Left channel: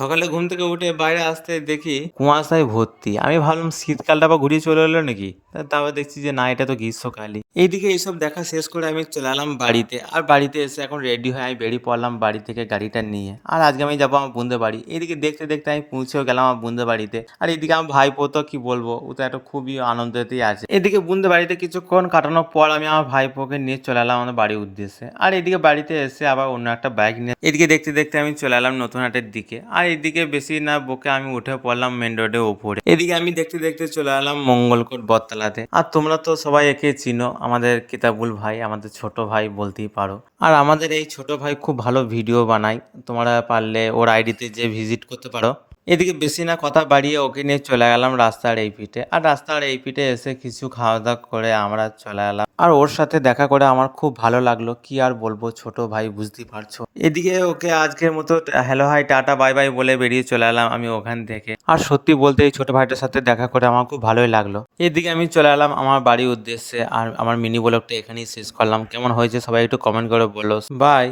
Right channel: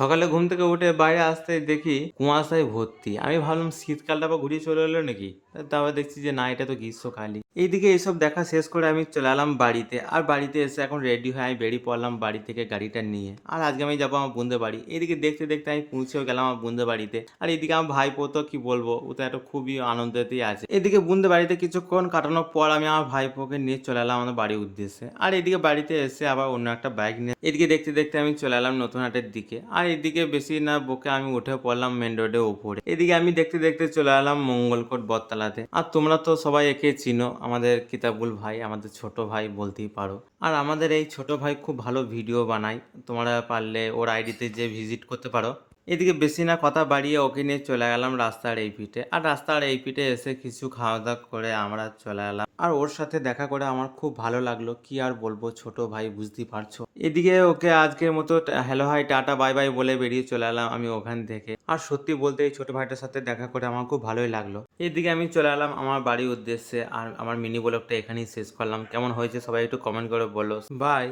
সকালে ঘুম থেকে উঠে বাইরে আসতে দেখি কুয়াশায় ভর্তি। আমি ভাবলাম শীতকালটা আবার ঘুরিয়ে চলে এলো নাকি। তারপর দেখছি যে না, এটা তো গ্রীষ্মকালই। এইদিকে এইসব দেখা শেষ করে আমি চলে এলাম বাড়িতে। আর বাড়িতে এসে এখন রেডি হয়ে আমি বেরিয়ে পড়লাম বাড়ি থেকে গাড়িটা নিয়ে। আর আজকে আমি যাবো আমার বোনদের বাড়ি। এইদিকে দেখতে দেখতে আমি পৌঁছেও গেলাম আমার বোনদের বাড়িতে। আর এইদিকে আমার ভাইপো তো কি বলবো, ও তো একটা খুবই আনন্দেতেই আছে। এদিকে বোনদের বাড়িতে কিছুক্ষণ কাটানোর পর আমি আমার ভাইপোকে নিয়ে চলে এলাম আমাদের বাড়ির উদ্দেশ্যে। আর এদিকে বাড়িতে এসে আবার অন্য একটা বাইক নিয়ে এদিকে দেখতে দেখতে আমি চলে এলাম নতুন হাটের দিকে। আর এদিকে বেশি না বকে আমি উঠে পড়লাম মেন রোডের ওপরে। এদিকে আমি দেখতে দেখতে চলে এলাম মঙ্গলকোট বটতলাতে। আর তোমরা তো সবাই একে চিনো, আমাদের কিতাবুল ভাই, আমাদের ছোট ভাই বলতেই পারো। আর আমাদের এই ছোট ভাই খুব ভালো ভিডিও বানায়, তোমরা পারলে ওর আইডিতে যে ভিজিট করতে পারো। এদিকে বেশি না কথা বাড়িয়ে ওকে নিয়ে চলে গেলাম রাস্তার এই পিঠে। আর রাস্তার এই পিঠে এসে কিছু খাওয়া দাওয়া করে আমরা চলে এলাম। আর ওর সাথে দেখা করে আমার খুব ভালো লাগলো, কি আর বলবো ছোট ভাই, বুঝতেই পারছো। এদিকে ওকে আজকের মতো hello hi tata bye bye বলে বেরিয়ে চলে এলাম আমি ওখান থেকে। আর সত্যি বলতে এই ছোট ভাইটার সাথে দেখা করে আমার খুব ভালোই লাগলো। এদিকে আমি চলে এলাম আমার বাড়ির উদ্দেশ্যে। আর আমার মিনি ব্লগটা এখানেই শেষ করলাম। কেমন হয়েছে সবাই একটু কমেন্ট করে বলো। বাই।